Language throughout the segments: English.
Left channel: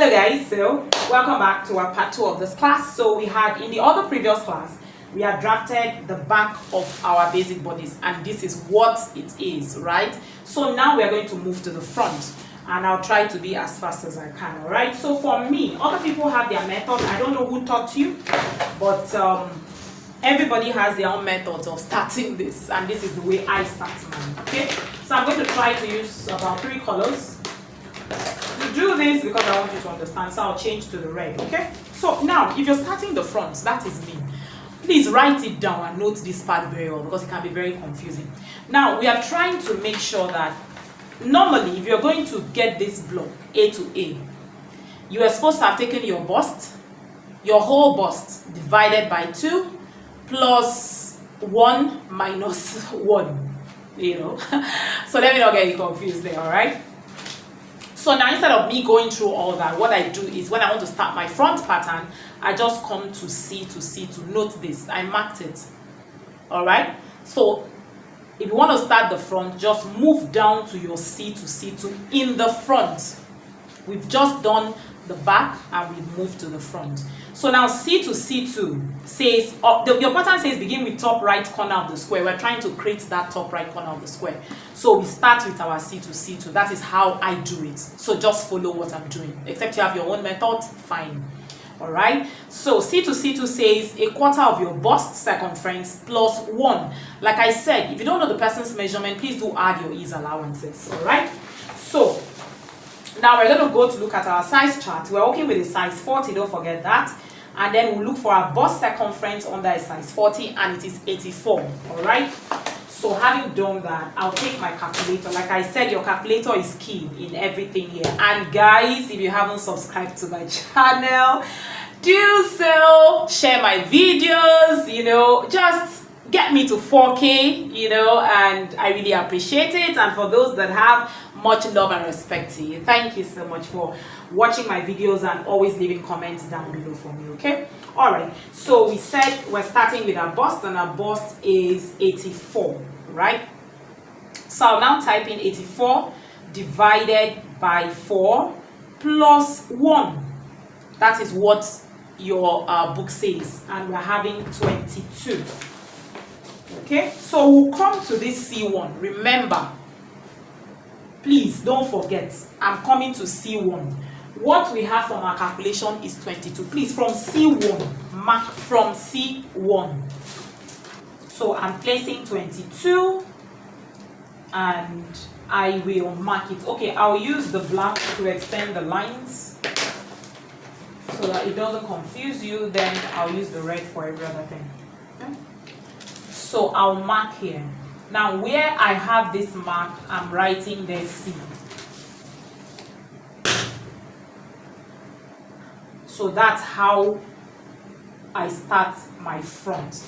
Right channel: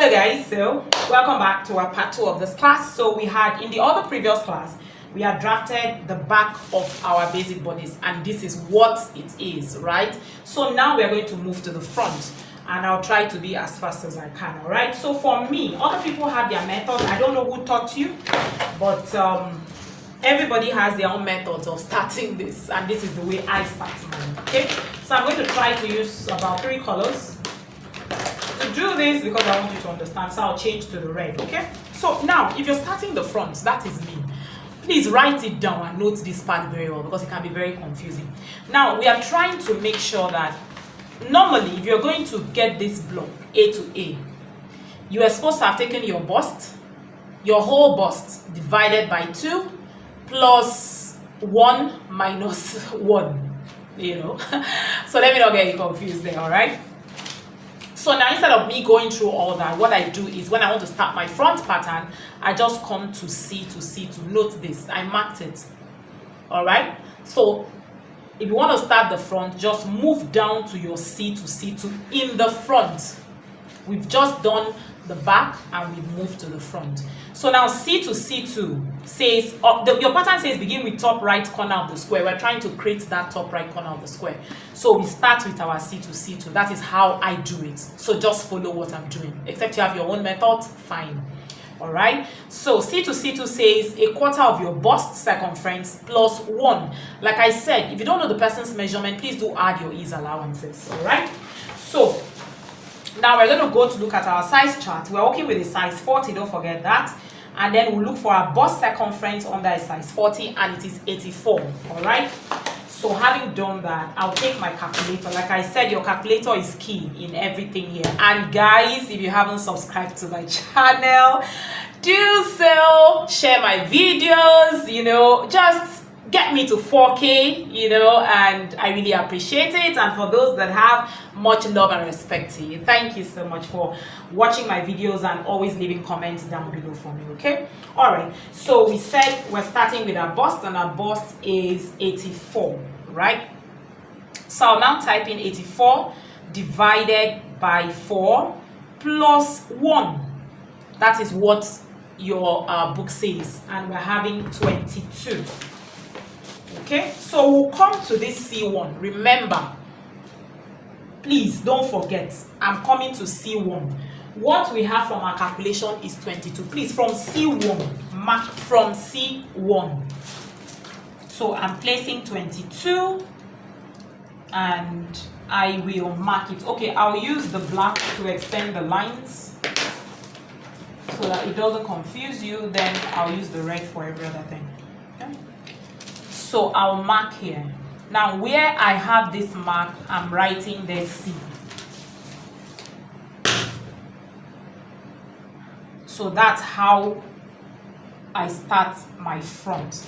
Hello guys, so welcome back to our part 2 of this class. So we had in the other previous class we had drafted the back of our basic bodice, and this is what it is, right? So now we are going to move to the front, and I'll try to be as fast as I can. All right, so for me, other people have their methods. I don't know who taught you, but everybody has their own methods of starting this, and this is the way I start mine. Okay, so I'm going to try to use about 3 colors to do this because I want you to understand. So I'll change to the red. Okay, so now if you're starting the front, that is me, please write it down and note this part very well because it can be very confusing. Now we are trying to make sure that normally if you're going to get this block A to A, you are supposed to have taken your bust, your whole bust divided by 2 plus 1 minus 1, you know. So let me not get you confused there. All right, so now instead of me going through all that, what I do is when I want to start my front pattern, I just come to C to note this. I marked it. All right, so if you want to start the front, just move down to your C to in the front. We've just done the back and we move to the front. So now C to C2 says, your pattern says begin with top right corner of the square. We're trying to create that top right corner of the square. So we start with our C to C2. That is how I do it. So just follow what I'm doing. Except you have your own method, fine. All right. So C to C2 says a quarter of your bust circumference plus 1. Like I said, if you don't know the person's measurement, please do add your ease allowances. All right. So now we're going to go to look at our size chart. We're working with a size 40, don't forget that. And then we'll look for our bust circumference under a size 40, and it is 84. All right. So having done that, I'll take my calculator. Like I said, your calculator is key in everything here. And guys, if you haven't subscribed to my channel, do so. Share my videos, you know, just get me to 4K, you know, and I really appreciate it. And for those that have, much love and respect to you. Thank you so much for watching my videos and always leaving comments down below for me. Okay, all right, so we said we're starting with our bust, and our bust is 84, right? So I'll now type in 84 divided by 4 plus 1. That is what your book says, and we're having 22. Okay, so we'll come to this C1. Remember, please don't forget, I'm coming to C1. What we have from our calculation is 22. Please, from C1, mark from C1. So I'm placing 22, and I will mark it. Okay, I'll use the black to extend the lines so that it doesn't confuse you. Then I'll use the red for every other thing. Okay, so I'll mark here. Now where I have this mark, I'm writing there C. So that's how I start my front.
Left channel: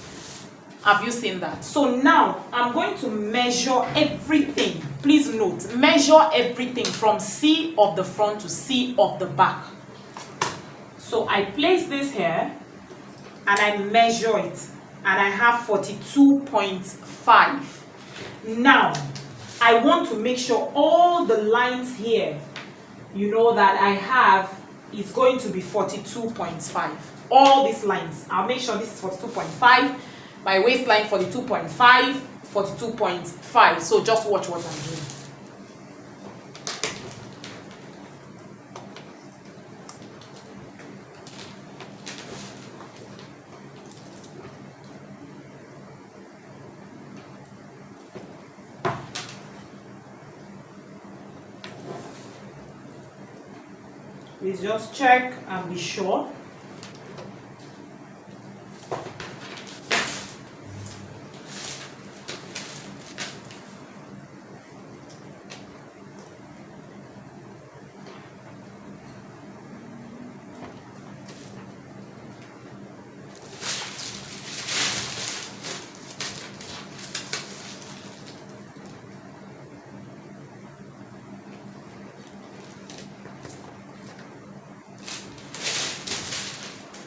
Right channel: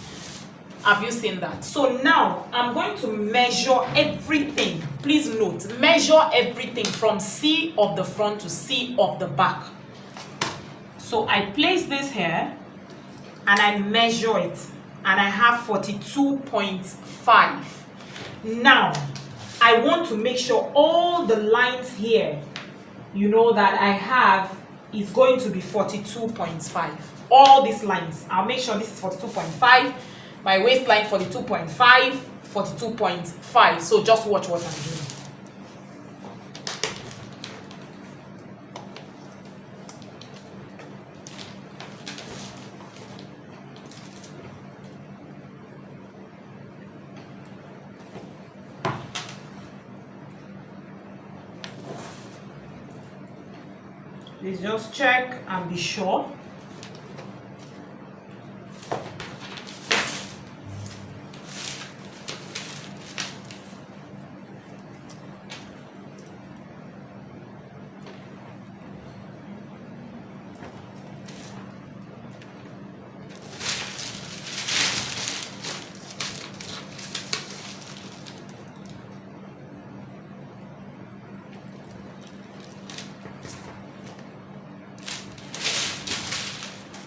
Have you seen that? So now I'm going to measure everything. Please note, measure everything from C of the front to C of the back. So I place this here and I measure it, and I have 42.5. Now I want to make sure all the lines here, you know, that I have is going to be 42.5. All these lines, I'll make sure this is 42.5. My waistline 42.5, 42.5. So just watch what I'm doing. Please just check and be sure.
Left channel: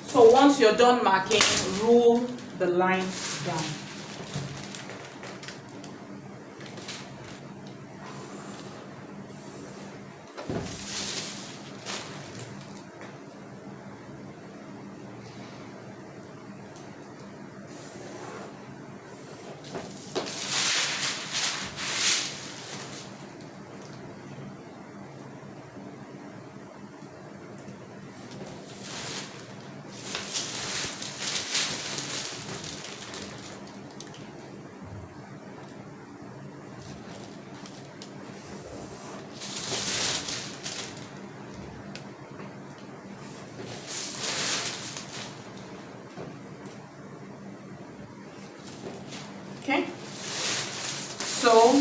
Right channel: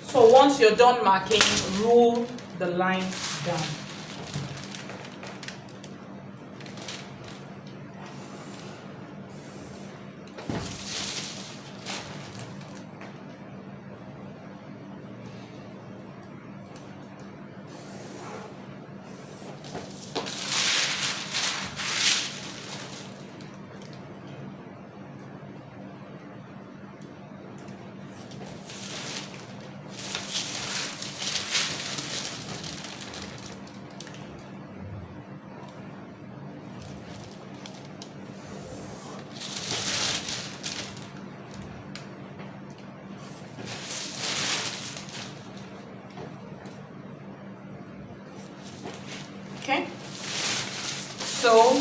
So once you're done marking, rule the lines down. So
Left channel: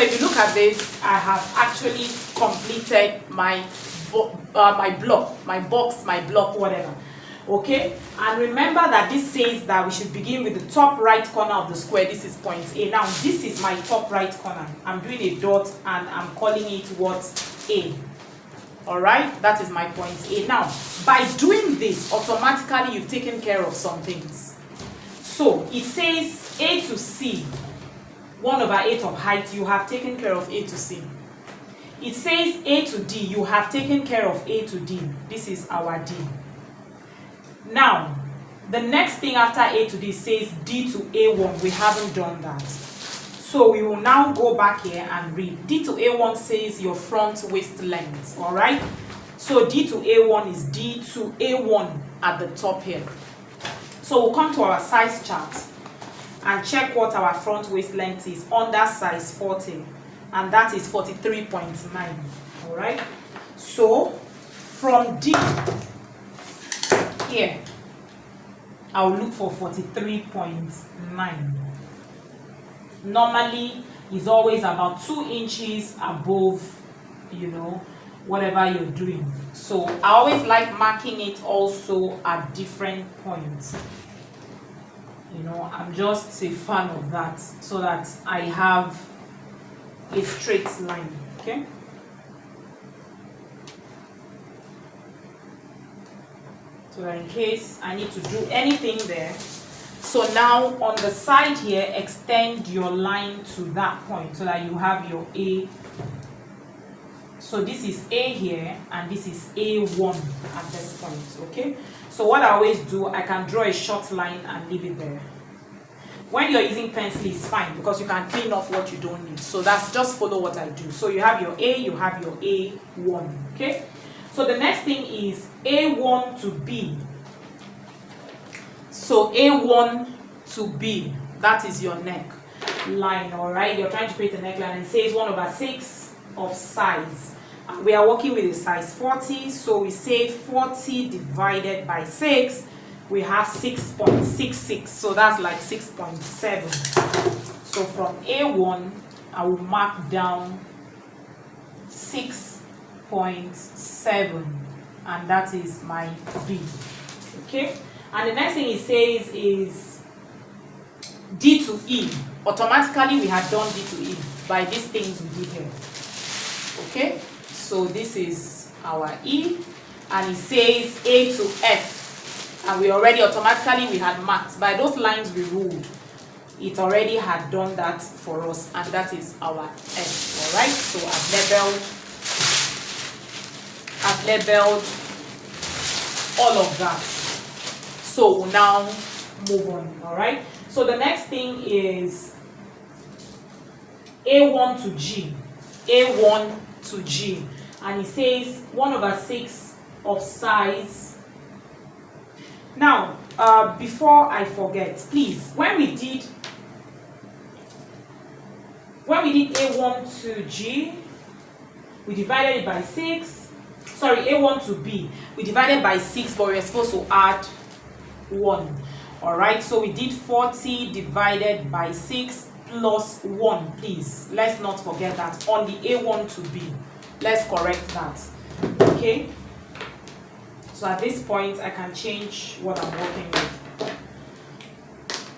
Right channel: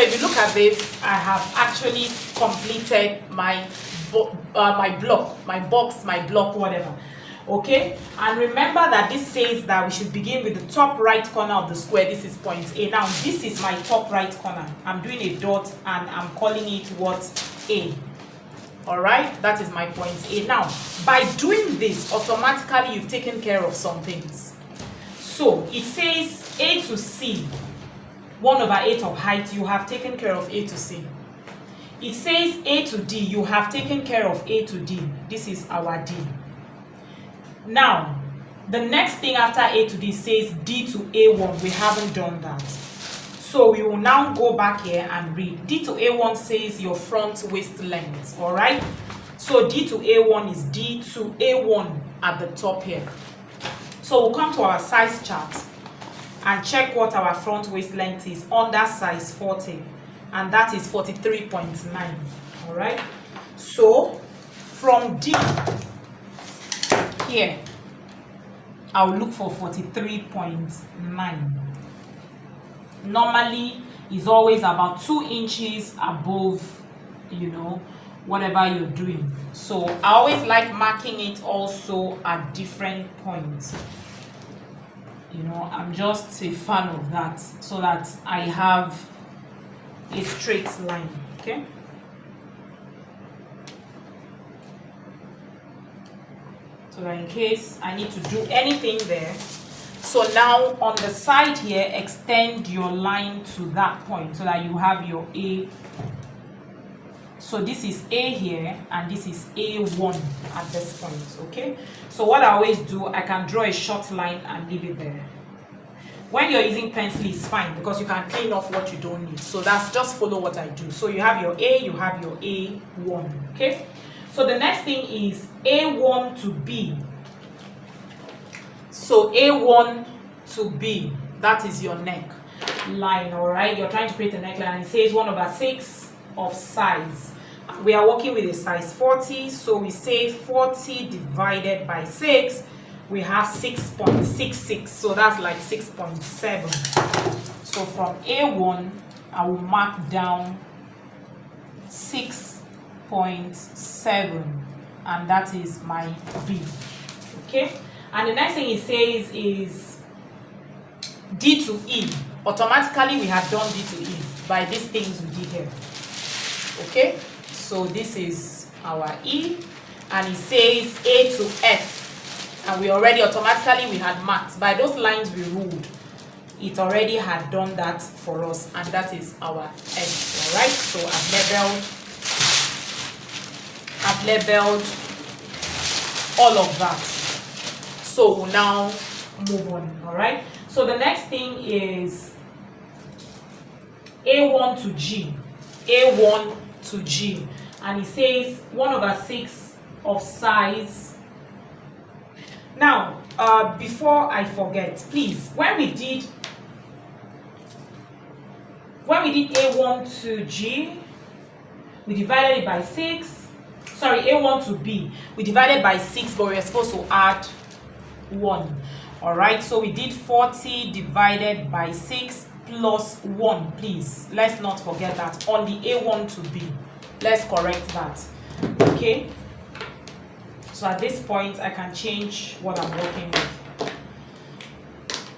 if you look at this, I have actually completed my block, my box, my block, whatever. Okay, and remember that this says that we should begin with the top right corner of the square. This is point A. Now this is my top right corner. I'm doing a dot and I'm calling it what? A. All right, that is my point A. Now by doing this, automatically you've taken care of some things. So it says A to C, 1/8 of height. You have taken care of A to C. It says A to D. You have taken care of A to D. This is our D. Now, the next thing after A to D says D to A1. We haven't done that. So we will now go back here and read. D to A1 says your front waist length. All right? So D to A1 is D to A1 at the top here. So we'll come to our size chart and check what our front waist length is under size 40. And that is 43.9. All right? So from D here, I'll look for 43.9. Normally, is always about 2 inches above, you know, whatever you're doing. So I always like marking it also at different points. You know, I'm just a fan of that, so that I have a straight line. Okay. So that in case I need to do anything there. So now on the side here, extend your line to that point so that you have your A. So this is A here and this is A1 at this point, okay? So what I always do, I can draw a short line and leave it there. When you're using pencil, it's fine because you can clean off what you don't need. So that's just follow what I do. So you have your A, you have your A1, okay? So the next thing is A1 to B. So A1 to B, that is your neck line, all right? You're trying to create a neckline. It says 1/6 of size. We are working with a size 40, so we say 40 divided by 6. We have 6.66, so that's like 6.7. So from A1, I will mark down 6.7, and that is my B. Okay, and the next thing it says is D to E. Automatically, we have done D to E by these things we did here. Okay, so this is our E, and it says A to F. And we already automatically we had marked by those lines we ruled. It already had done that for us, and that is our F. All right. So I've labeled all of that. So we'll now move on. All right. So the next thing is A1 to G. A1 to G, and it says 1/6 of size. Now, before I forget, please, when we did A1 to G, we divided it by 6. Sorry, A1 to B, we divided by 6, but we were supposed to add 1. All right, so we did 40 divided by 6 plus 1, please. Let's not forget that on the A1 to B. Let's correct that. Okay. So at this point, I can change what I'm working with.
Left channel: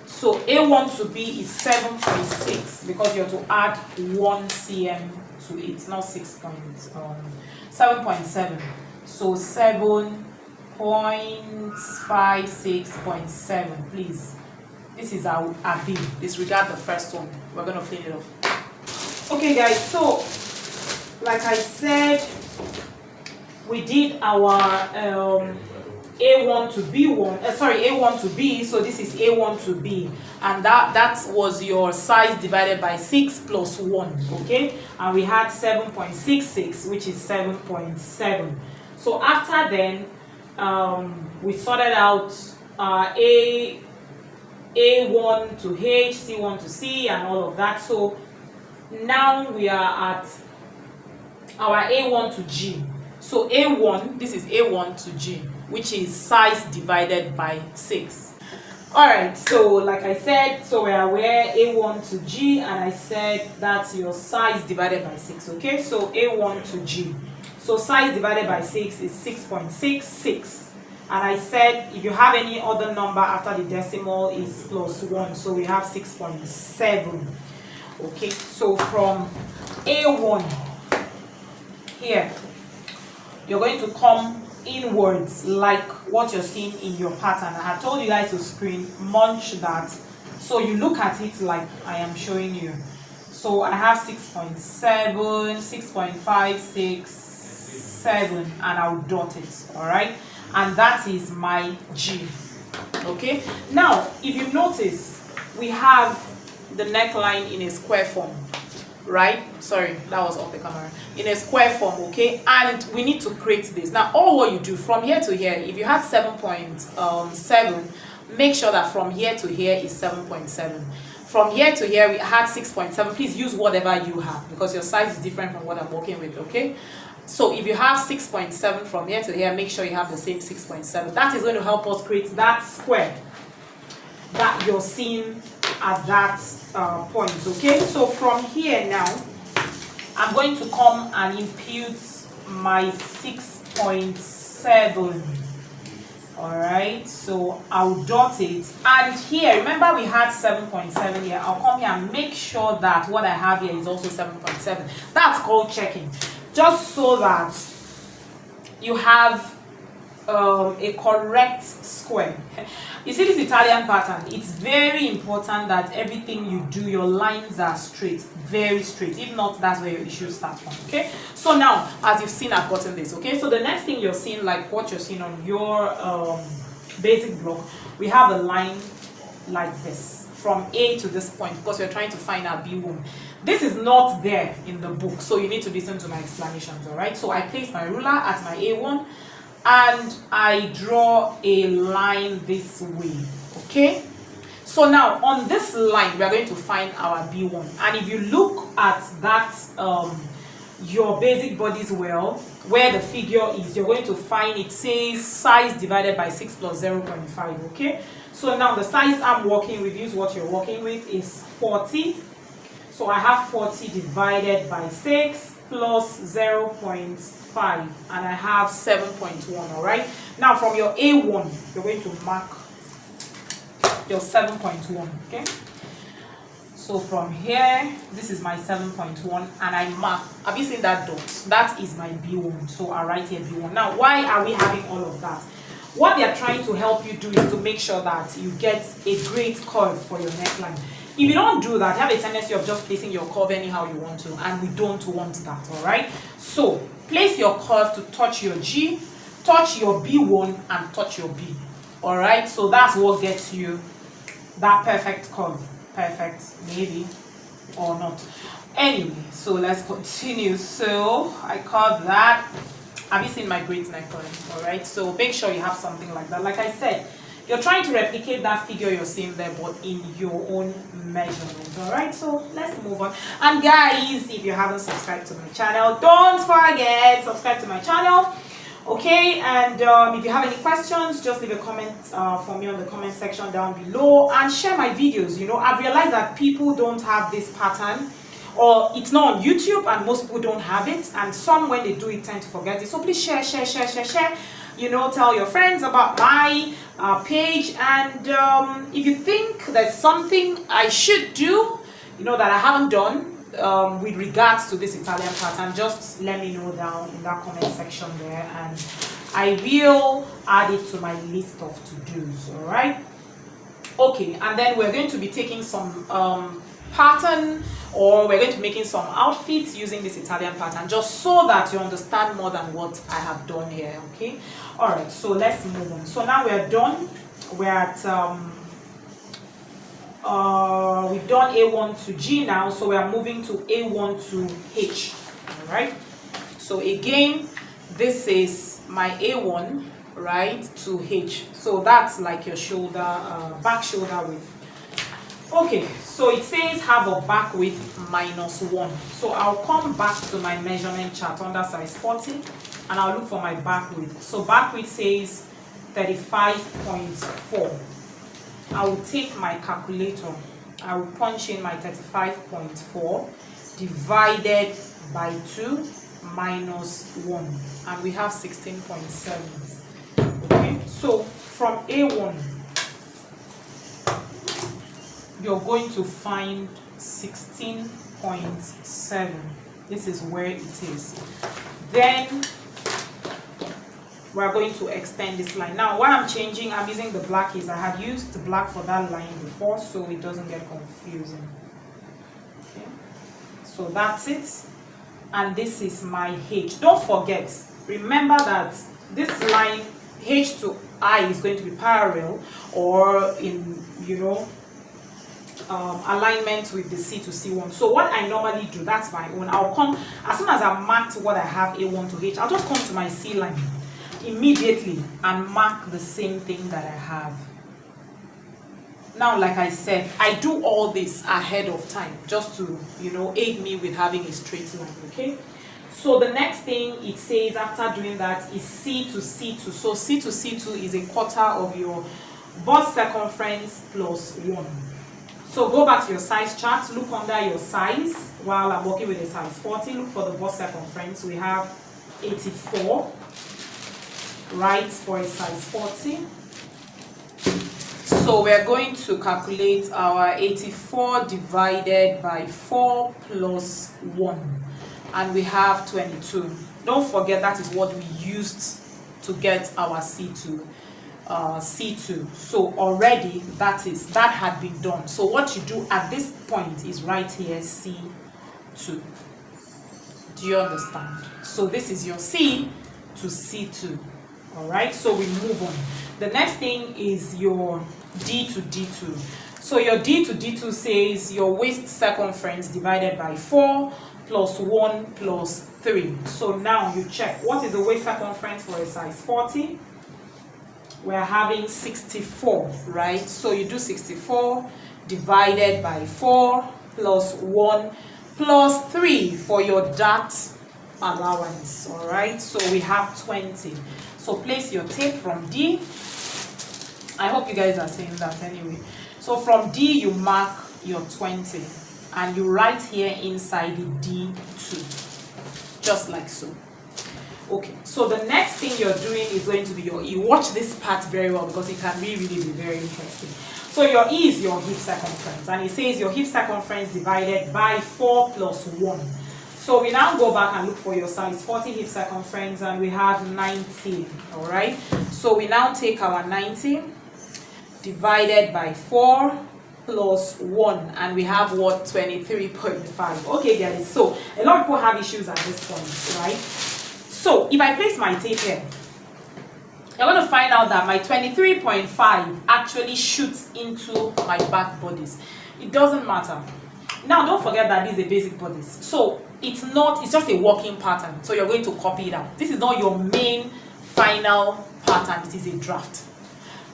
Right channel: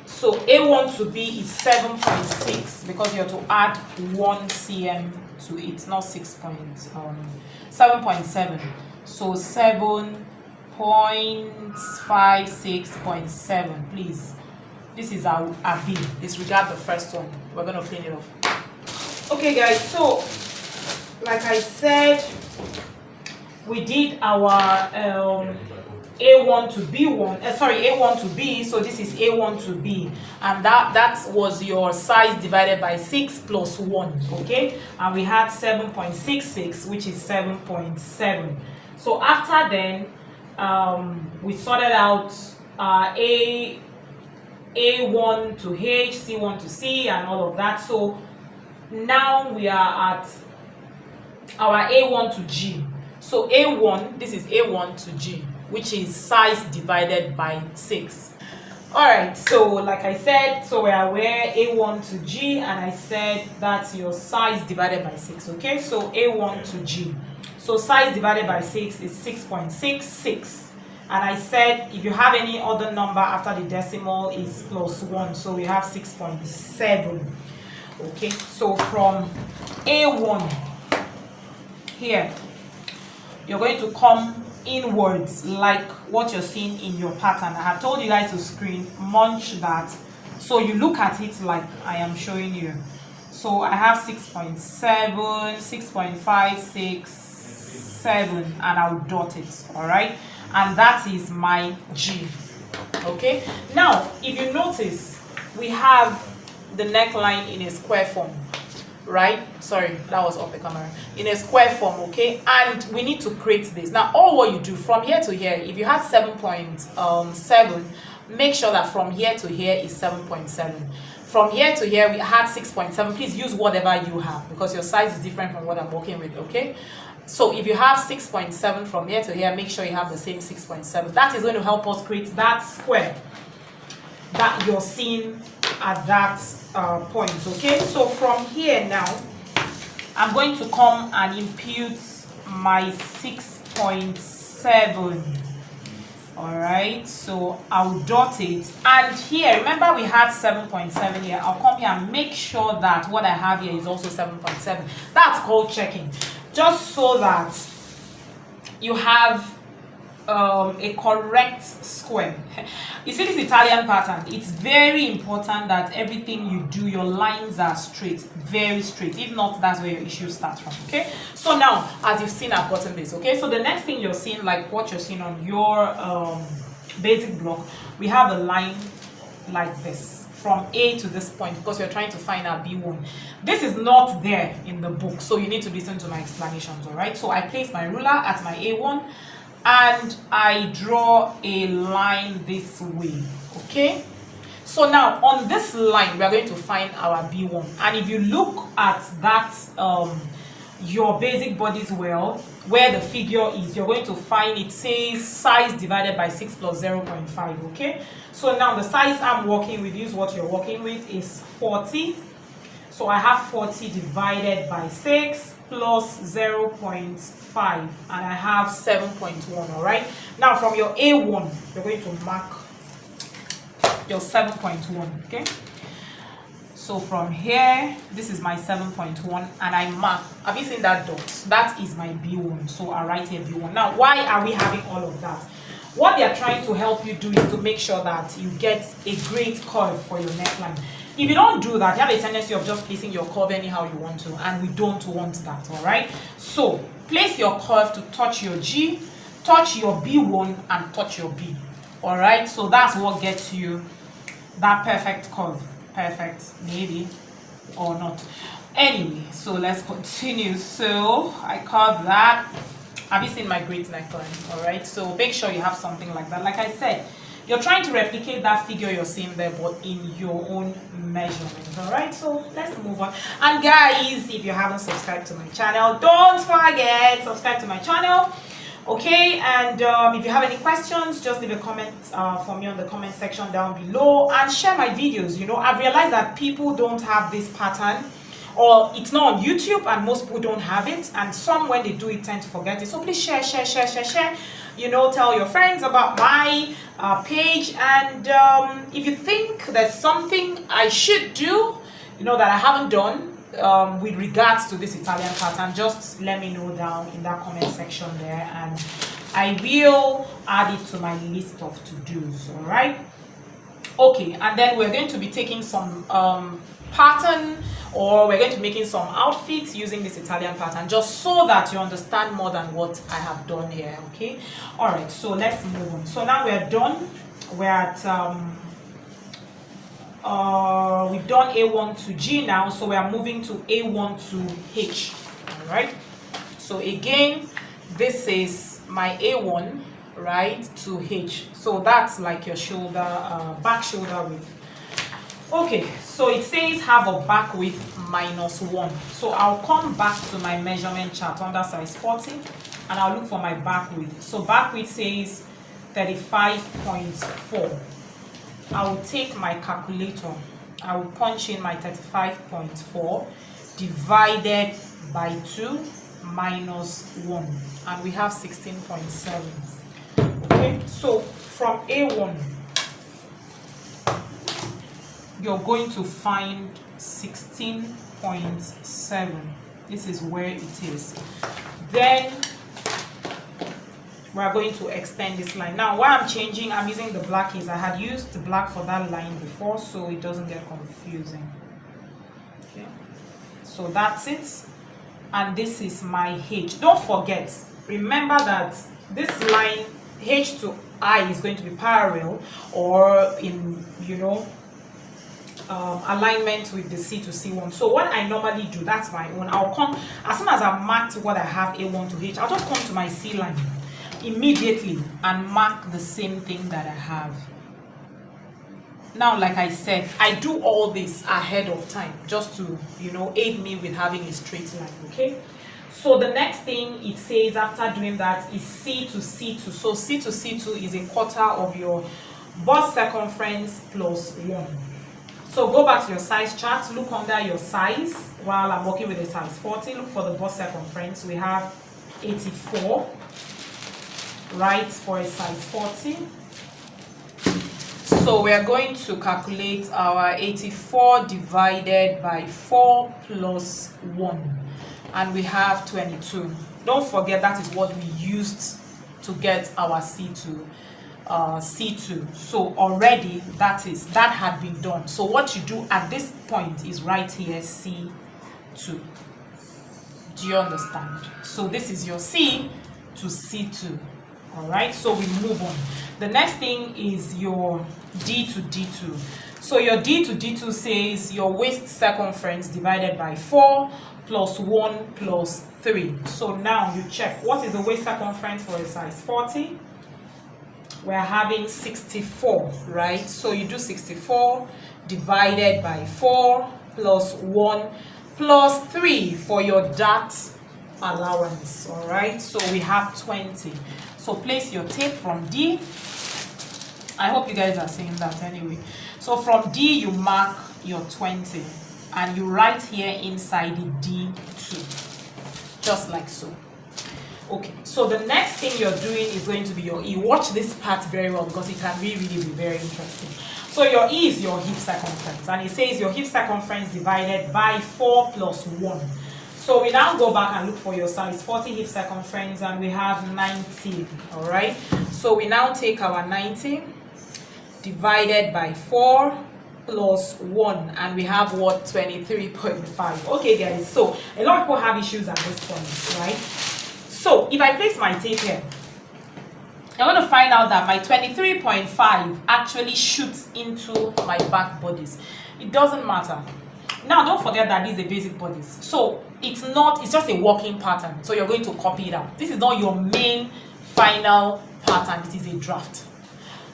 So A1 to B is 7.6 because you have to add 1 cm to it, not 7.7. So 7.56.7, please. This is our B. Disregard the first one. We're going to clean it off. Okay, guys. So, like I said, we did our A1 to B1. A1 to B. So this is A1 to B, and that was your size divided by 6 plus 1. Okay, and we had 7.66, which is 7.7. So after then, we sorted out A1 to H, C1 to C, and all of that. So now we are at our A1 to G. So A1, this is A1 to G, which is size divided by 6. All right, so like I said, so we are aware A1 to G, and I said that's your size divided by 6. Okay, so A1 to G, so size divided by 6 is 6.66, and I said if you have any other number after the decimal is plus 1, so we have 6.7. okay, so from A1 here, you're going to come inwards like what you're seeing in your pattern. I have told you guys to screen munch that, so you look at it like I am showing you. So I have 6.7, 6.5, 6, 7, and I'll dot it. All right, and that is my G. Okay, now if you notice, we have the neckline in a square form, right? Sorry, that was off the camera. In a square form, okay, and we need to create this. Now all what you do from here to here, if you have 7.7, make sure that from here to here is 7.7. From here to here we had 6.7. Please use whatever you have because your size is different from what I'm working with. Okay, so if you have 6.7 from here to here, make sure you have the same 6.7. That is going to help us create that square that you're seeing at that point. Okay, so from here now I'm going to come and impute my 6.7. all right, so I'll dot it, and here remember we had 7.7 here. I'll come here and make sure that what I have here is also 7.7. That's called checking, just so that you have a correct square. You see this Italian pattern, it's very important that everything you do, your lines are straight, very straight. If not, that's where your issue starts from. Okay, so now as you've seen, I've gotten this. Okay, so the next thing you're seeing, like what you're seeing on your basic block, we have a line like this from A to this point because we're trying to find our B1. This is not there in the book, so you need to listen to my explanations. All right, so I place my ruler at my A1 and I draw a line this way. Okay, so now on this line we are going to find our B1, and if you look at that your basic bodice well, where the figure is, you're going to find it says size divided by 6 plus 0.5. okay, so now the size I'm working with, use what you're working with, is 40. So I have 40 divided by 6 plus 0.5, and I have 7.1. all right, now from your A1 you're going to mark your 7.1. okay, so from here this is my 7.1, and I mark, have you seen that dot? That is my B1, so I write here B1. Now why are we having all of that? What they are trying to help you do is to make sure that you get a great curve for your neckline. If you don't do that, you have a tendency of just placing your curve anyhow you want to, and we don't want that. all right, so place your curve to touch your G, touch your B1, and touch your B. all right, so that's what gets you that perfect curve. Perfect, maybe, or not. Anyway, so let's continue. So I called that. Have you seen my great neckline? all right, so make sure you have something like that. Like I said, you're trying to replicate that figure you're seeing there, but in your own measurement. all right, so let's move on. And guys, if you haven't subscribed to my channel, don't forget, subscribe to my channel. Okay, and if you have any questions, just leave a comment for me on the comment section down below, and share my videos. You know, I've realized that people don't have this pattern, or it's not on YouTube, and most people don't have it, and some, when they do it, tend to forget it. So please share. You know, tell your friends about my page, and if you think there's something I should do, you know, that I haven't done with regards to this Italian pattern, just let me know down in that comment section there, and I will add it to my list of to-dos. all right, okay, and then we're going to be taking some pattern, or we're going to be making some outfits using this Italian pattern, just so that you understand more than what I have done here. Okay, all right, so let's move on. So now we're done. We're at we've done A1 to G now, so we are moving to A1 to H. all right, so again, this is my A1, right, to H. So that's like your shoulder, back shoulder width. Okay, so it says have a back width -1. So I'll come back to my measurement chart under size 40, and I'll look for my back width. So back width says 35.4. I will take my calculator. I will punch in my 35.4 divided by 2 minus 1, and we have 16.7. Okay, so from A1 you're going to find 16.7. This is where it is. Then we're going to extend this line. Now why I'm changing, I'm using the black, is I had used the black for that line before, so it doesn't get confusing. Okay, so that's it, and this is my H. Don't forget, remember that this line H to I is going to be parallel, or in, you know, alignment with the C to C1. So what I normally do, that's my own, I'll come, as soon as I've marked what I have A1 to H, I'll just come to my C line immediately and mark the same thing that I have. Now, like I said, I do all this ahead of time just to, you know, aid me with having a straight line. Okay, so the next thing it says after doing that is C to C2. So C to C2 is a quarter of your bust circumference plus 1. So go back to your size chart, look under your size while I'm working with a size 40. Look for the bust circumference. We have 84, right, for a size 40. So we're going to calculate our 84 divided by 4 plus 1, and we have 22. Don't forget that is what we used to get our C2. C2. So already that had been done. So what you do at this point is right here C2. Do you understand? So this is your C to C2. All right, so we move on. The next thing is your D to D2. So your D to D2 says your waist circumference divided by 4 plus 1 plus 3. So now you check, what is the waist circumference for a size 40? We're having 64, right? So you do 64 divided by 4 plus 1 plus 3 for your dart allowance. All right, so we have 20. So place your tape from D. I hope you guys are seeing that anyway. So from D you mark your 20 and you write here inside the D2, just like so. Okay, so the next thing you're doing is going to be your E. Watch this part very well because it can really be very interesting. So your E is your hip circumference, and it says your hip circumference divided by 4 plus 1. So we now go back and look for your size 40 hip circumference, and we have 90. All right, so we now take our 90 divided by 4 plus 1, and we have what? 23.5. Okay guys, so a lot of people have issues at this point, right? So if I place my tape here, I'm going to find out that my 23.5 actually shoots into my back bodice. It doesn't matter. Now don't forget that this is a basic bodice, so it's just a working pattern. So you're going to copy it out. This is not your main final pattern, it is a draft.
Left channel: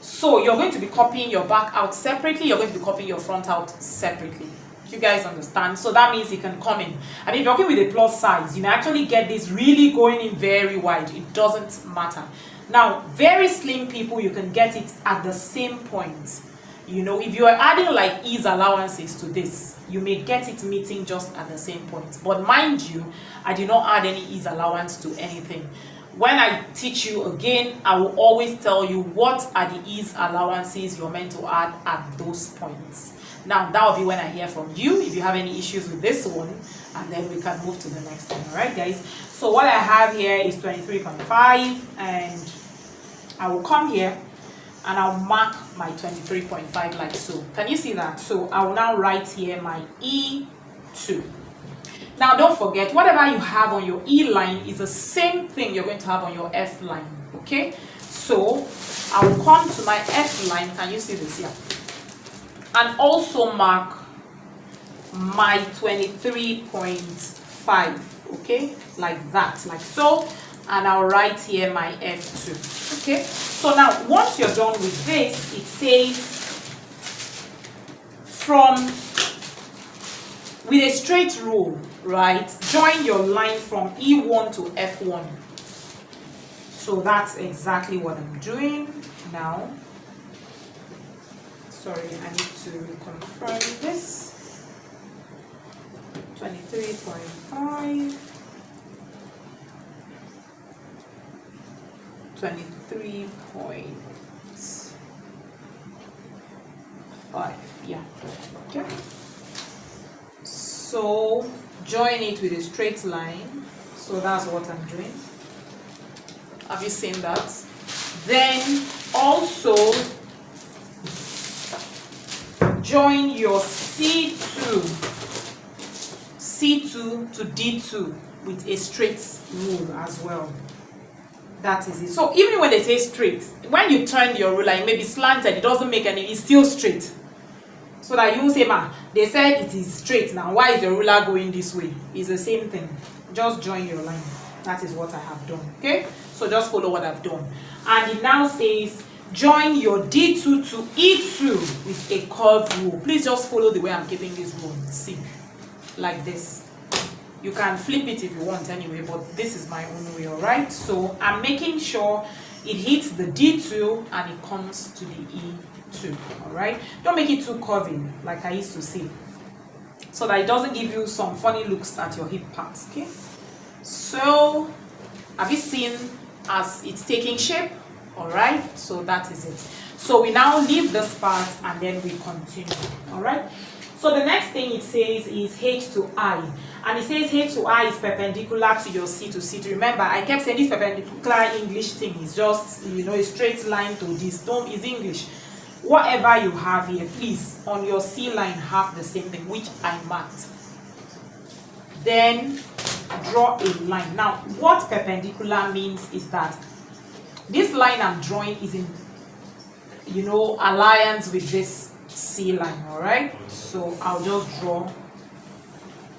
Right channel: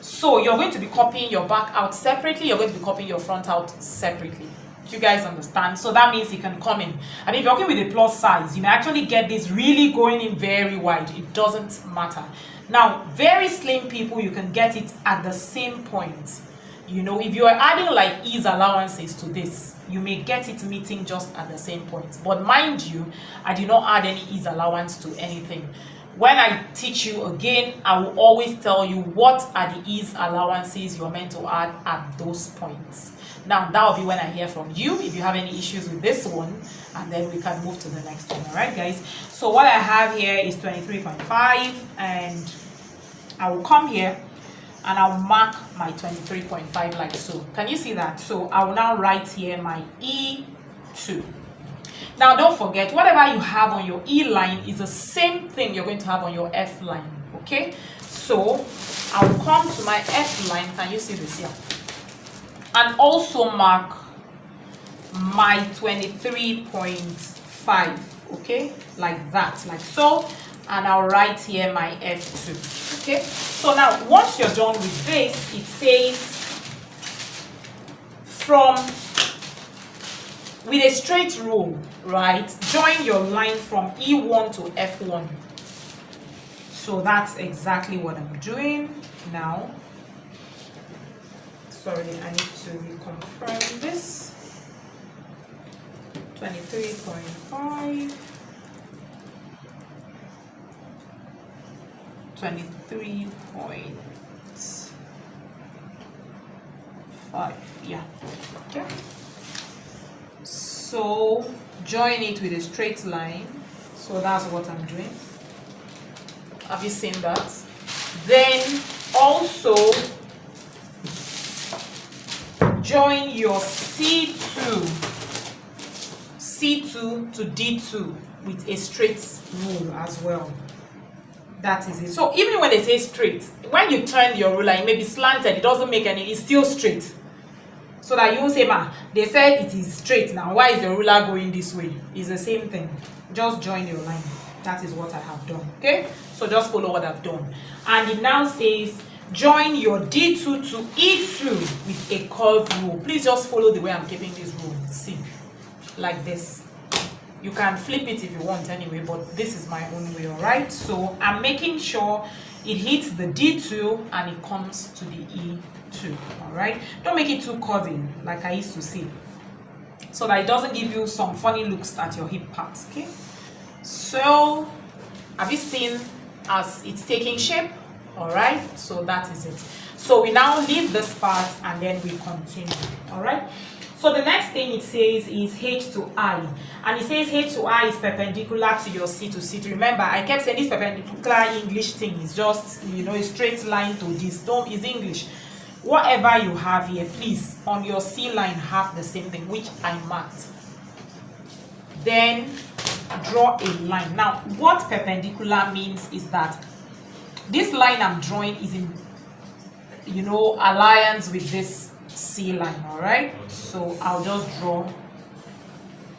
So you're going to be copying your back out separately, you're going to be copying your front out separately. You guys understand? So that means you can come in, and if you're working with a plus size, you may actually get this really going in very wide. It doesn't matter. Now very slim people, you can get it at the same point. You know, if you are adding like ease allowances to this, you may get it meeting just at the same point. But mind you, I did not add any ease allowance to anything. When I teach you again, I will always tell you what are the ease allowances you're meant to add at those points. Now that will be when I hear from you if you have any issues with this one, and then we can move to the next one. All right guys, so what I have here is 23.5, and I will come here and I'll mark my 23.5 like so. Can you see that? So I will now write here my E2. Now don't forget, whatever you have on your E line is the same thing you're going to have on your F line. Okay, so I will come to my F line. Can you see this here? And also mark my 23.5, okay, like that, like so, and I'll write here my F2. Okay, so now once you're done with this, it says with a straight rule, right, join your line from E1 to F1. So that's exactly what I'm doing now. sorry, I need to reconfirm this. 23.5, 23.5, yeah, okay. So join it with a straight line. So that's what I'm doing. Have you seen that? Then also join your C2 to D2 with a straight rule as well. That is it. So even when they say straight, when you turn your ruler, it may be slanted, it doesn't make any, it's still straight. So that you won't say, ma, they said it is straight now, why is the ruler going this way? It's the same thing. Just join your line. That is what I have done. Okay? So just follow what I've done. And it now says, join your D2 to E2 with a curved rule. Please just follow the way I'm keeping this rule. See, like this. You can flip it if you want anyway, but this is my own way, all right? So I'm making sure it hits the D2 and it comes to the E2, all right? Don't make it too curvy, like I used to say, so that it doesn't give you some funny looks at your hip parts, okay? So, have you seen as it's taking shape? All right, so that is it. So we now leave this part and then we continue, all right? So the next thing it says is H to I, and it says H to I is perpendicular to your C to C2. Remember, I kept saying this perpendicular English thing is just, you know, a straight line to this. Don't, is English. Whatever you have here, please, on your C line have the same thing, which I marked. Then draw a line. Now, what perpendicular means is that this line I'm drawing is in, you know, alliance with this C line, all right? So I'll just draw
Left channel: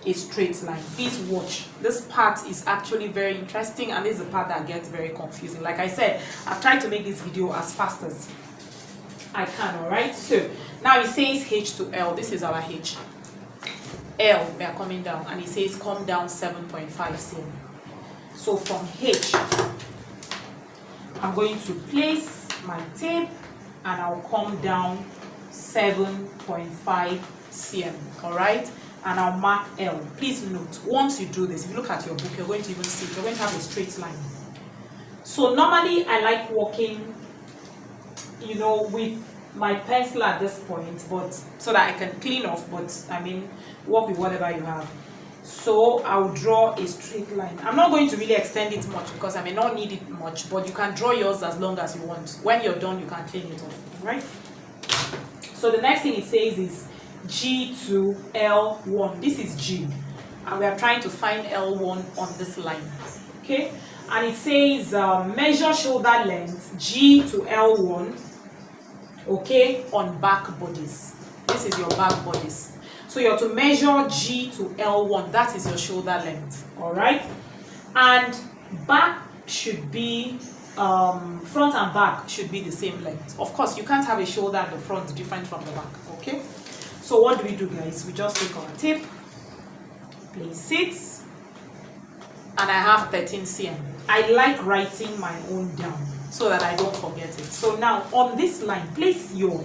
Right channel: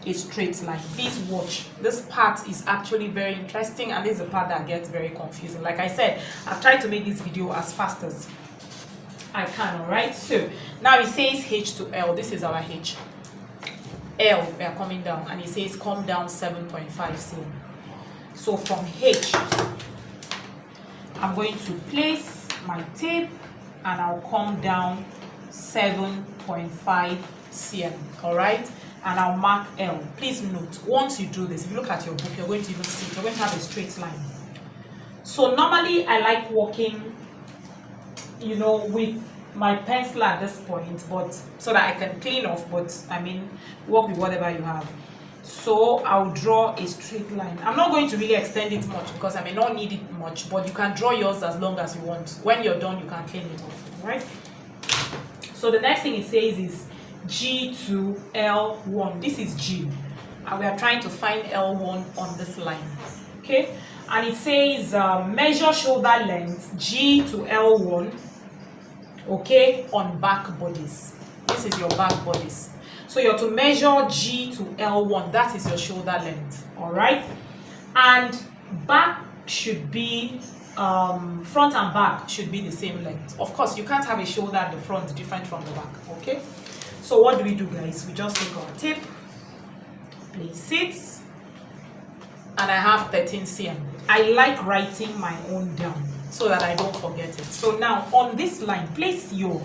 a straight line. Please watch. This part is actually very interesting, and this is the part that gets very confusing. Like I said, I've tried to make this video as fast as I can, all right? So now it says H to L. This is our H. L, we are coming down, and it says come down 7.5 cm. So from H, I'm going to place my tape and I'll come down 7.5 cm, all right? And I'll mark L. Please note, once you do this, if you look at your book, you're going to even see it. You're going to have a straight line. So normally I like working, you know, with my pencil at this point, but so that I can clean off, but I mean, work with whatever you have. So I'll draw a straight line. I'm not going to really extend it much because I may not need it much, but you can draw yours as long as you want. When you're done, you can clean it off, right? So the next thing it says is G to L1. This is G, and we are trying to find L1 on this line, okay? And it says measure shoulder length G to L1, okay, on back bodice. This is your back bodice. So you're to measure G to L1. That is your shoulder length, all right? And back should be, front and back should be the same length. Of course, you can't have a shoulder at the front different from the back, okay? So what do we do, guys? We just take our tape, place it, and I have 13 cm. I like writing my own down so that I don't forget it. So now on this line, place your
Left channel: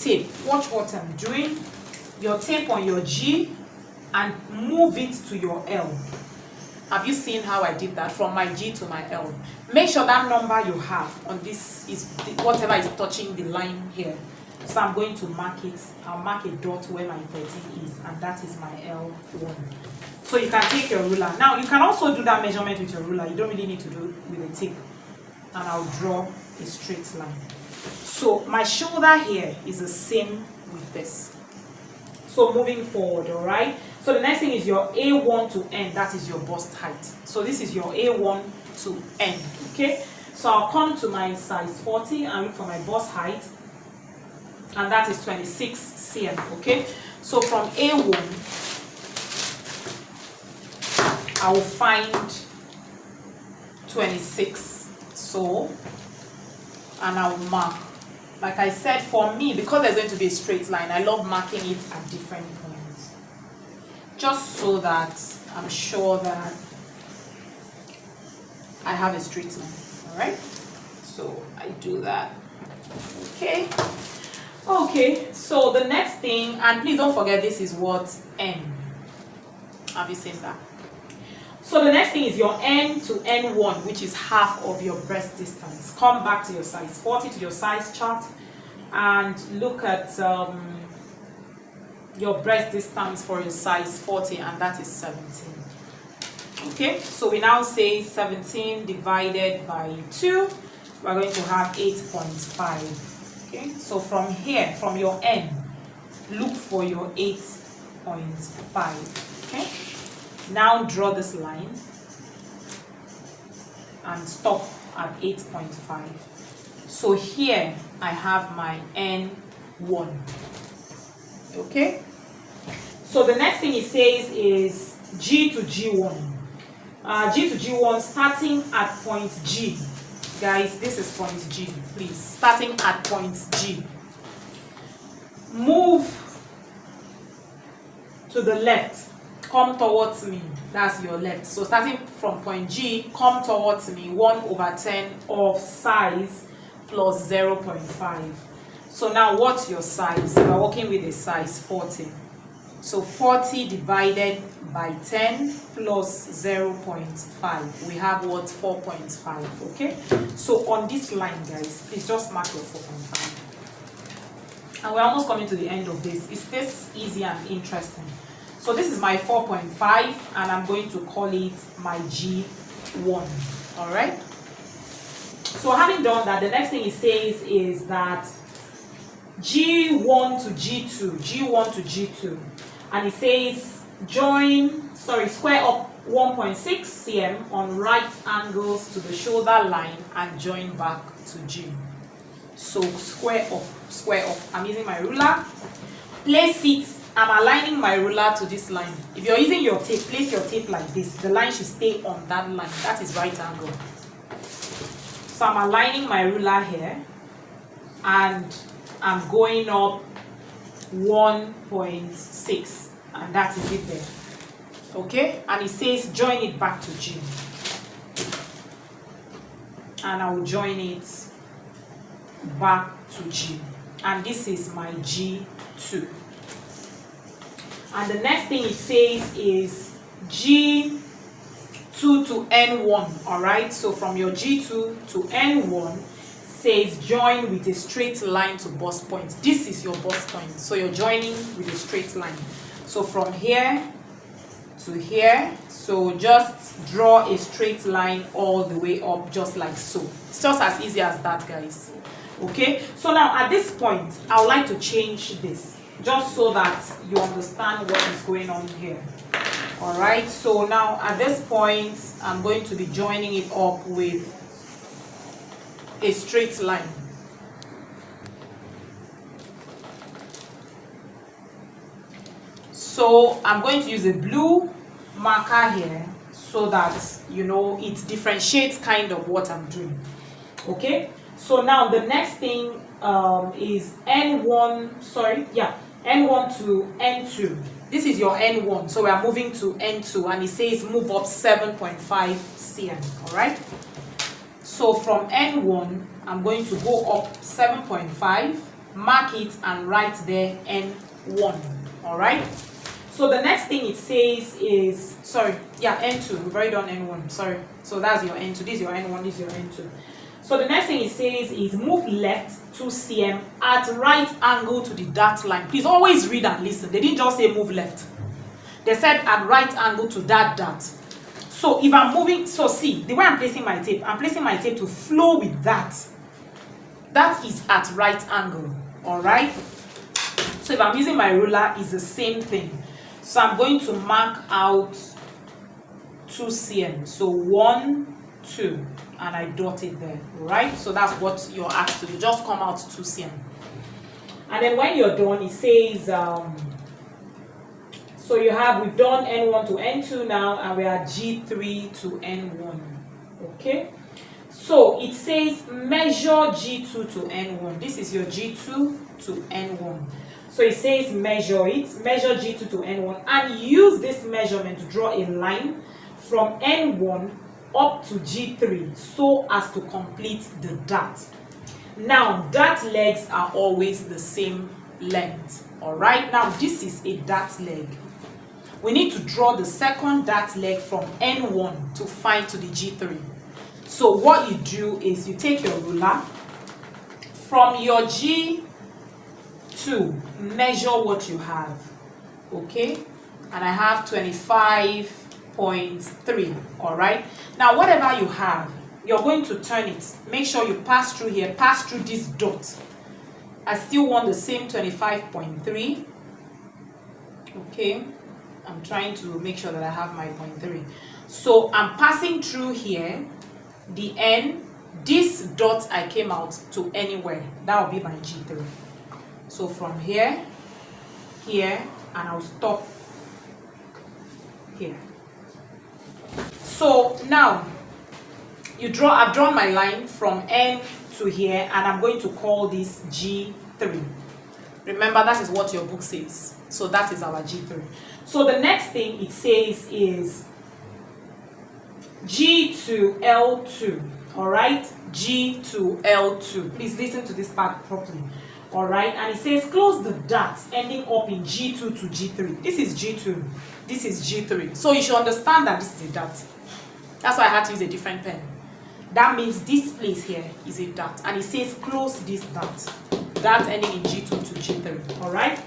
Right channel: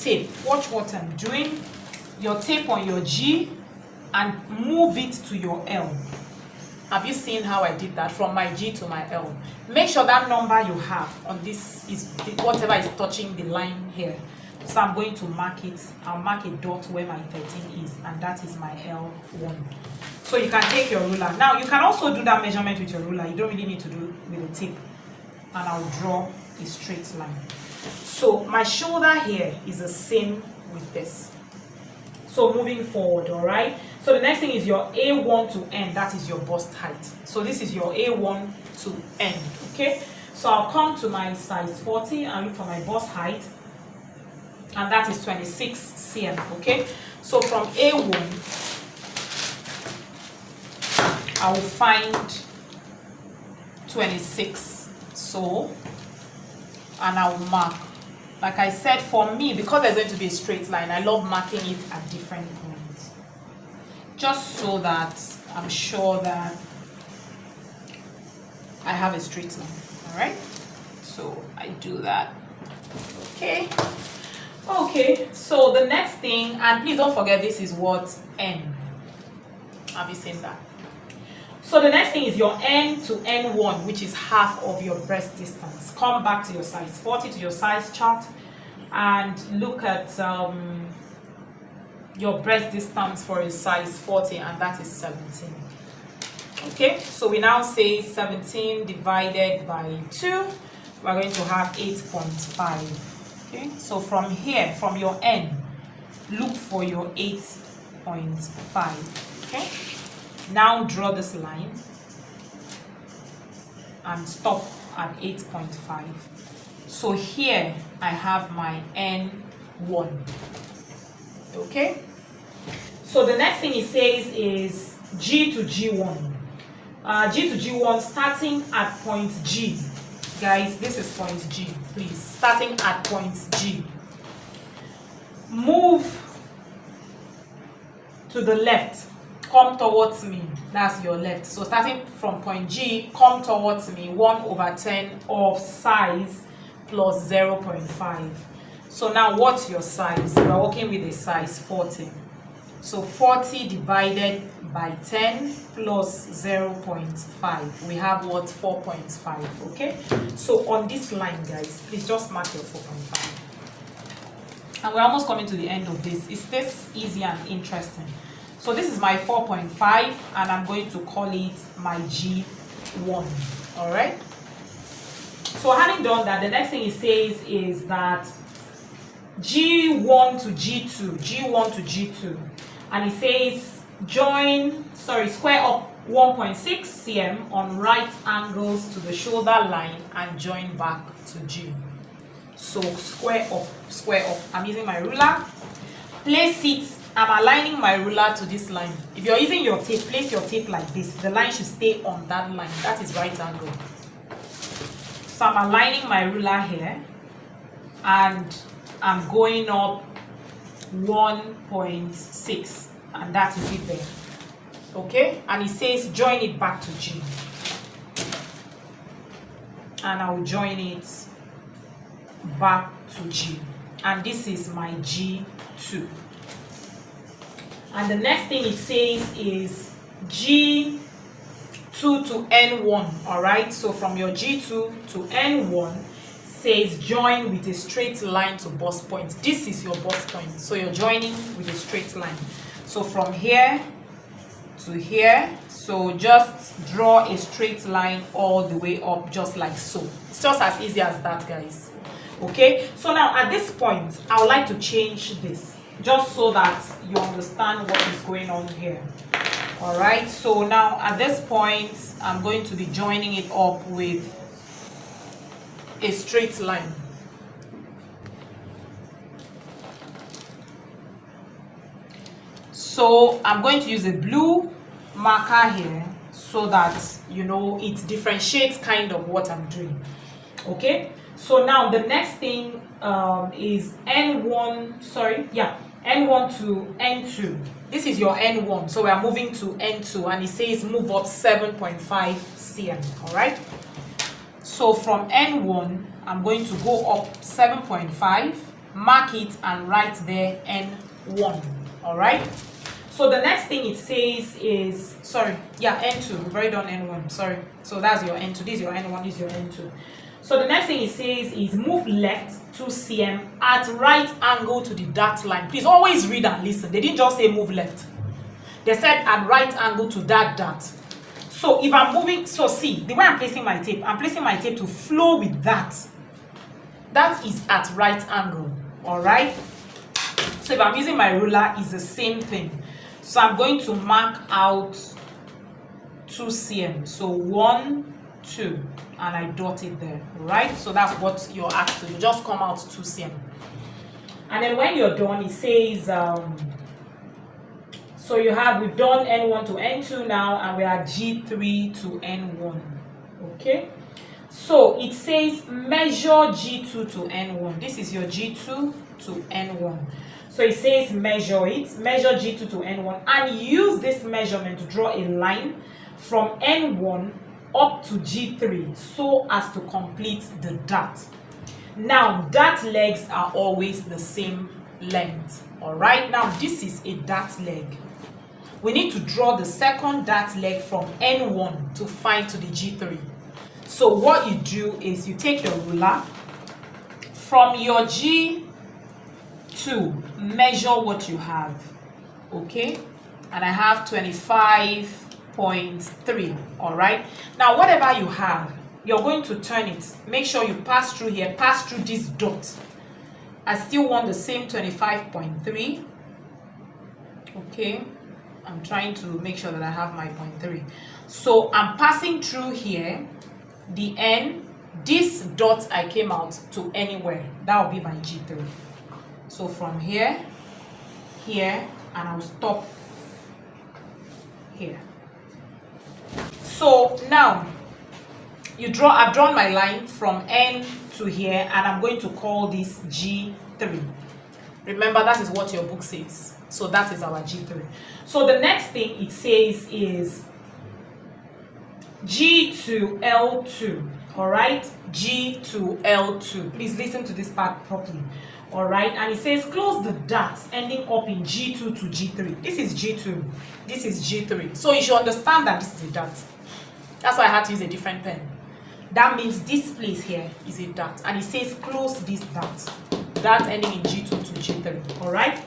tape. Watch what I'm doing. Your tape on your G and move it to your L. Have you seen how I did that from my G to my L? Make sure that number you have on this is whatever is touching the line here. So I'm going to mark it. I'll mark a dot where my 13 is, and that is my L1. So you can take your ruler. Now you can also do that measurement with your ruler. You don't really need to do it with a tape. And I'll draw a straight line. So my shoulder here is the same with this. So moving forward, all right? So the next thing is your A1 to N. That is your bust height. So this is your A1 to N, okay? So I'll come to my size 40 and look for my bust height. And that is 26 cm, okay? So from A1, I will find 26. So, and I will mark. Like I said, for me, because there's going to be a straight line, I love marking it at different points. Just so that I'm sure that I have a straight line, all right? So I do that, okay? Okay, so the next thing, and please don't forget this is what N. Have you seen that? So the next thing is your N to N1, which is half of your breast distance. Come back to your size 40, to your size chart, and look at your breast distance for a size 40, and that is 17. Okay, so we now say 17 divided by 2, we're going to have 8.5. Okay, so from here, from your N, look for your 8.5. Okay, now draw this line and stop at 8.5. So here I have my N1. Okay, so the next thing it says is G to G1. G to G1 starting at point G. Guys, this is point G, please. Starting at point G. Move to the left. Come towards me. That's your left. So starting from point G, come towards me. 1/10 of size plus 0.5. So now what's your size? We're working with a size 40. So 40 divided by 10 plus 0.5. We have what? 4.5. Okay? So on this line, guys, please just mark your 4.5. And we're almost coming to the end of this. Is this easy and interesting? So this is my 4.5, and I'm going to call it my G1. All right? So having done that, the next thing it says is that G1 to G2, G1 to G2, and it says square up 1.6 cm on right angles to the shoulder line and join back to G. So square up. I'm using my ruler. Place it. I'm aligning my ruler to this line. If you're using your tape, place your tape like this. The line should stay on that line. That is right angle. So I'm aligning my ruler here, and I'm going up 1.6, and that is it there. Okay, and it says join it back to G, and I will join it back to G, and this is my G2. And the next thing it says is G2 to N1. All right, so from your G2 to N1 says join with a straight line to bust point. This is your bust point, so you're joining with a straight line. So from here to here, so just draw a straight line all the way up, just like so. It's just as easy as that, guys. Okay, so now at this point I would like to change this just so that you understand what is going on here. All right, so now at this point I'm going to be joining it up with a straight line. So I'm going to use a blue marker here so that you know it differentiates kind of what I'm doing. Okay, so now the next thing is N1 to N2. This is your N1, so we are moving to N2, and it says move up 7.5 cm. All right, so from N1 I'm going to go up 7.5, mark it, and write there N1. All right, so the next thing it says is N2. We've already done N1. Sorry, so that's your N2. This is your N1. This is your N2. So the next thing it says is move left 2 cm at right angle to the dot line. Please always read and listen. They didn't just say move left. They said at right angle to that dot. So if I'm moving, so see, the way I'm placing my tape to flow with that. That is at right angle. All right. So if I'm using my ruler, it's the same thing. So I'm going to mark out 2 cm. So 1, 2. And I dot it there, right? So that's what you're asked to do. Just come out 2 cm. And then when you're done, it says, so we've done N1 to N2 now, and we are G3 to N1, okay? So it says measure G2 to N1. This is your G2 to N1. So it says measure G2 to N1, and use this measurement to draw a line from N1 up to G3 so as to complete the dot. Now dart legs are always the same length. All right, now this is a dart leg. We need to draw the second dart leg from N1 to find to the G3. So what you do is you take your ruler from your G2, measure what you have, okay? And I have 25.3, all right? Now whatever you have, you're going to turn it. Make sure you pass through here, pass through this dot. I still want the same 25.3, okay? I'm trying to make sure that I have my 0.3. So I'm passing through here, the N, this dot I came out to anywhere. That will be my G3. So from here, here, and I'll stop here. So now, I've drawn my line from N to here, and I'm going to call this G3. Remember, that is what your book says. So that is our G3. So the next thing it says is G to L2. All right, G to L2. Please listen to this part properly. All right, and it says close the dots ending up in G2 to G3. This is G2. This is G3. So you should understand that this is a dot. That's why I had to use a different pen. That means this place here is a dot, and it says close this dot. That ending in G2 to G3. All right.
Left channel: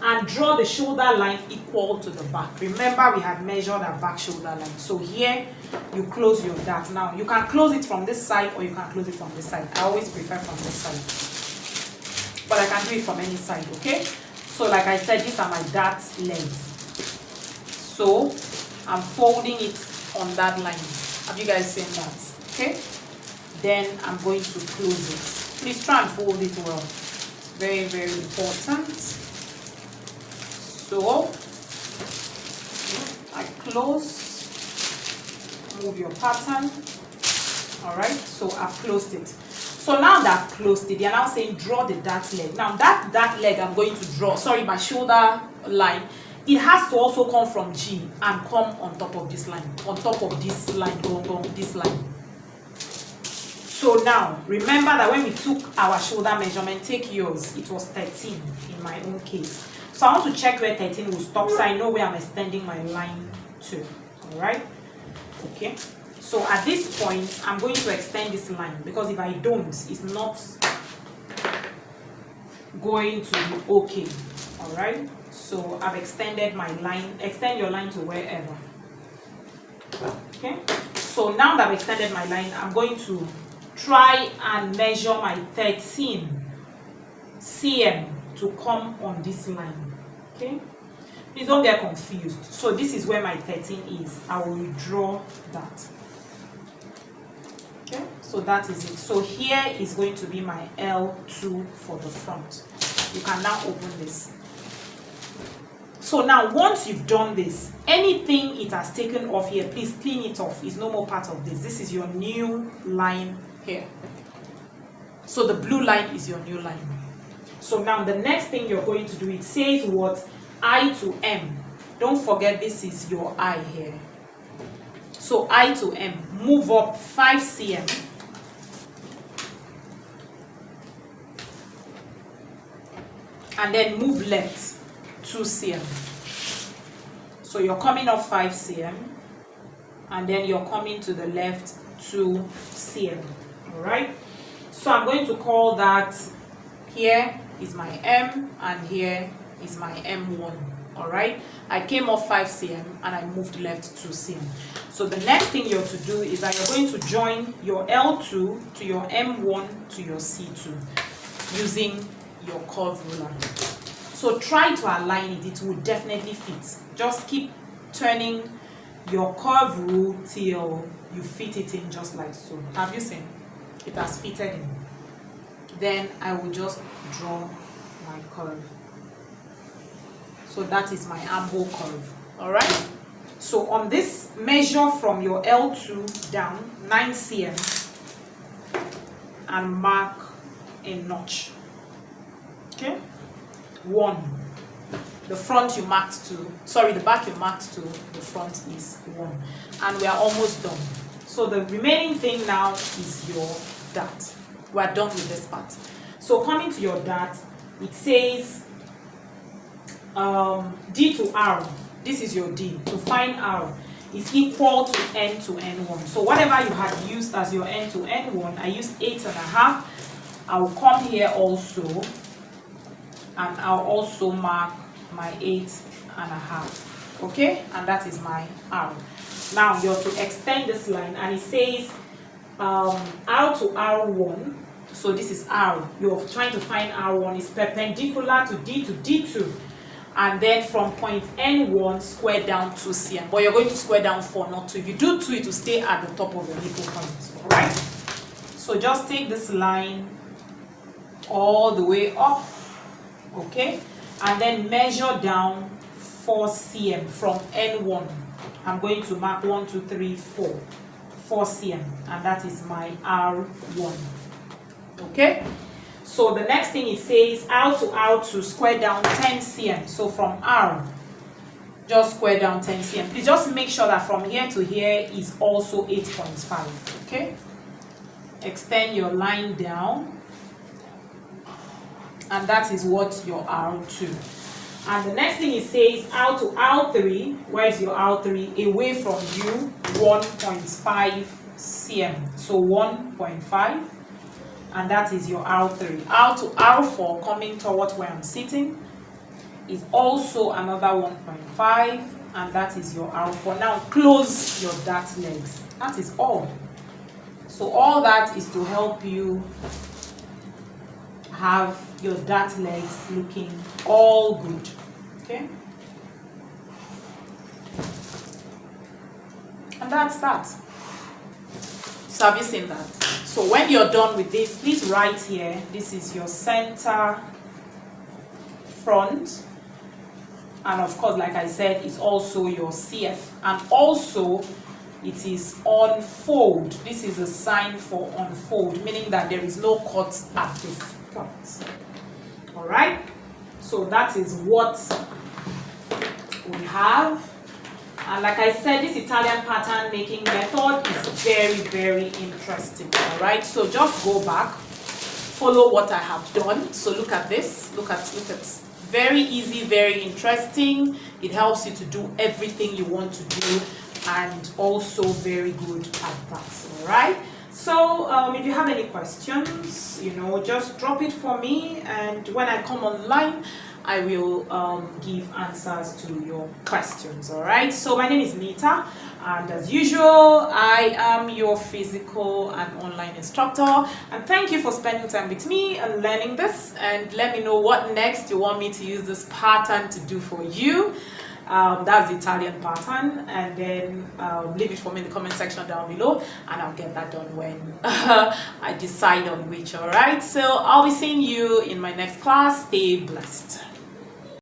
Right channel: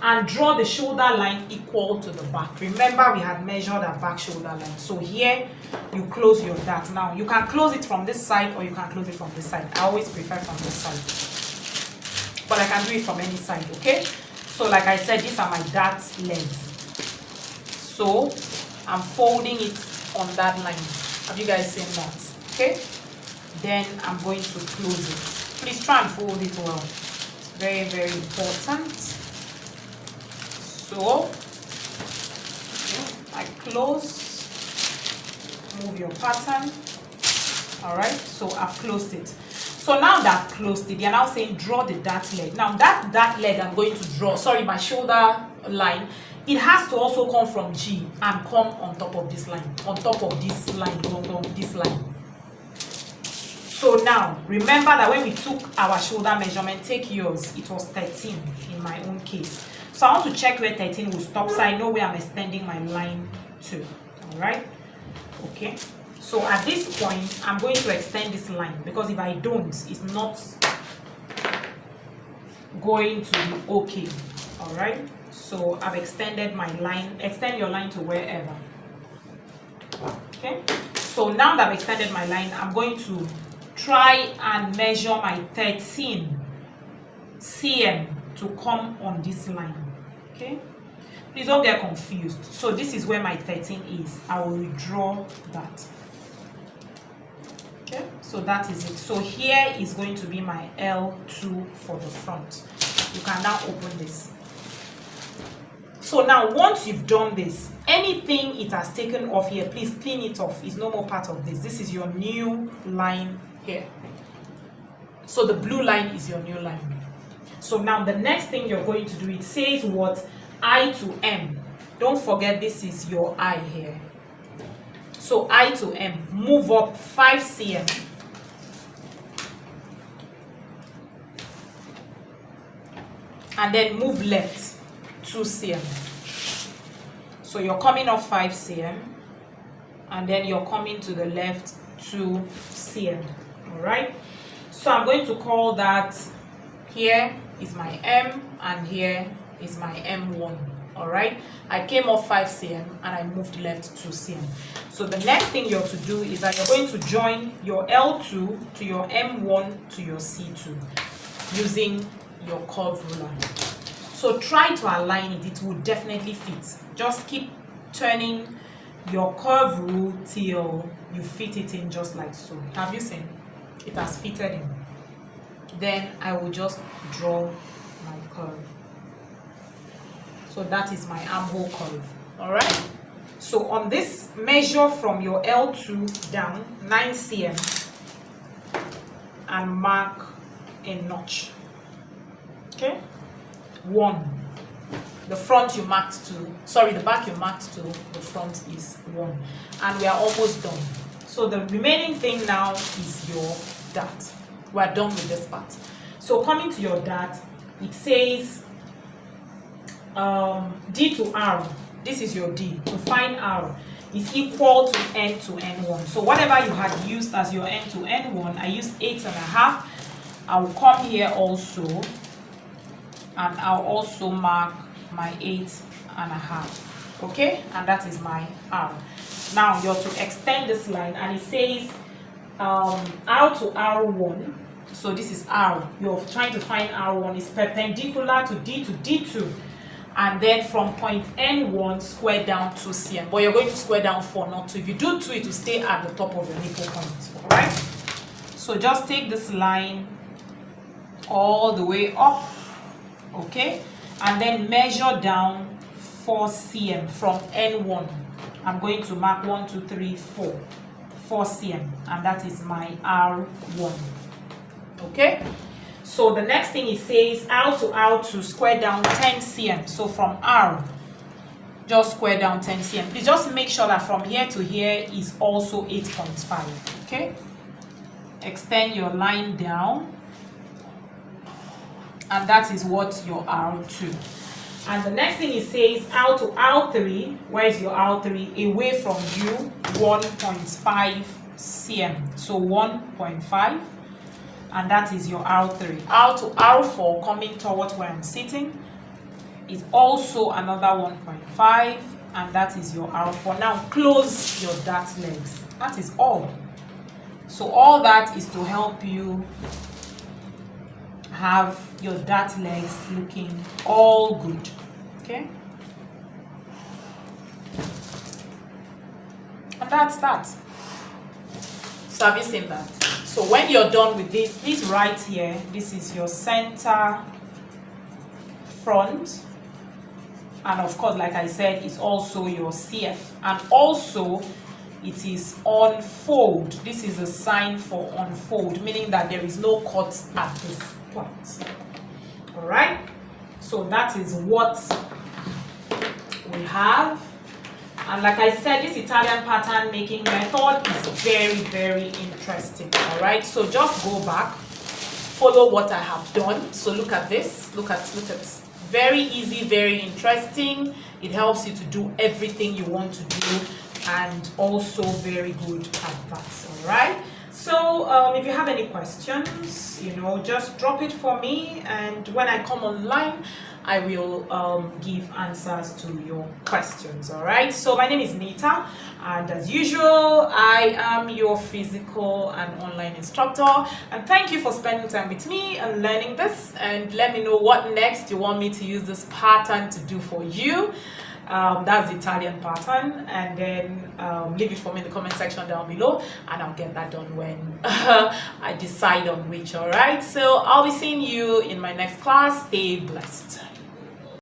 And draw the shoulder line equal to the back. Remember, we had measured our back shoulder line. So here, you close your dart. Now, you can close it from this side or you can close it from this side. I always prefer from this side. But I can do it from any side, okay? So, like I said, these are my dart legs. So, I'm folding it on that line. Have you guys seen that? Okay? Then, I'm going to close it. Please try and fold it well. It's very, very important. So, I close, move your pattern, all right, so I've closed it. So now that I've closed it, they're now saying draw the dart leg. Now that dart leg I'm going to draw, my shoulder line, it has to also come from G and come on top of this line, this line. So now, remember that when we took our shoulder measurement, take yours, it was 13 in my own case. So I want to check where 13 will stop so I know where I'm extending my line to. Alright? Okay. So at this point, I'm going to extend this line because if I don't, it's not going to be okay. Alright? So I've extended my line. Extend your line to wherever. Okay? So now that I've extended my line, I'm going to try and measure my 13 cm to come on this line. Okay, please don't get confused. So this is where my 13 is. I will withdraw that. Okay, so that is it. So here is going to be my L2 for the front. You can now open this. So now once you've done this, anything it has taken off here, please clean it off. It's no more part of this. This is your new line here. So the blue line is your new line. So now the next thing you're going to do, it says what? I to M. Don't forget this is your I here. So I to M. Move up 5 cm. And then move left 2 cm. So you're coming up 5 cm. And then you're coming to the left 2 cm. Alright? So I'm going to call that here is my M and here is my M1. All right, I came off 5 cm and I moved left 2 cm. So the next thing you have to do is that you're going to join your L2 to your M1 to your C2 using your curve ruler. So try to align it. It will definitely fit. Just keep turning your curve rule till you fit it in just like so. Have you seen? It has fitted in. Then I will just draw my curve. So that is my armhole curve. All right. So on this, measure from your L2 down 9 cm and mark a notch. Okay. 1. The front you marked to, the back you marked to, the front is 1. And we are almost done. So the remaining thing now is your dart. we're done with this part. So coming to your dart, it says D to R. This is your D. To find R is equal to N to N1. So whatever you had used as your N to N1, I used 8.5. I will come here also, and I'll also mark my 8.5. Okay, and that is my R. Now you're to extend this line, and it says R to R1. So this is R. You're trying to find R1 is perpendicular to D2, and then from point N1 square down 2 cm. But you're going to square down 4, not 2. If you do 2, it will stay at the top of your nipple point. All right. So just take this line all the way up, okay, and then measure down 4 cm from N1. I'm going to mark 1, 2, 3, 4 cm, and that is my R1. Okay, so the next thing it says R to R2 square down 10 cm. So from R, just square down 10 cm. Please just make sure that from here to here is also 8.5. Okay, extend your line down, and that is what your R2. And the next thing it says R to R3. Where is your R3? Away from you, 1.5 cm. So 1.5, and that is your R3. R to R4, coming towards where I'm sitting, is also another 1.5, and that is your R4. Now close your dart legs. That is all. So all that is to help you have your dart legs looking all good. Okay, and that's that. So have you seen that? So when you're done with this, please write here, this is your center front, and of course, like I said, it's also your CF, and also it is unfold. This is a sign for unfold, meaning that there is no cut at this point. All right, so that is what we have. And like I said, this Italian pattern making method is very, very interesting. All right, so just go back, follow what I have done. So look at this, look at very easy, very interesting. It helps you to do everything you want to do, and also very good at that. All right, so if you have any questions, just drop it for me, and when I come online, I will give answers to your questions. All right, so my name is Nita, and as usual, I am your physical and online instructor, and thank you for spending time with me and learning this. And let me know what next you want me to use this pattern to do for you. That's the Italian pattern, and then leave it for me in the comment section down below, and I'll get that done when I decide on which. All right, so I'll be seeing you in my next class. Stay blessed.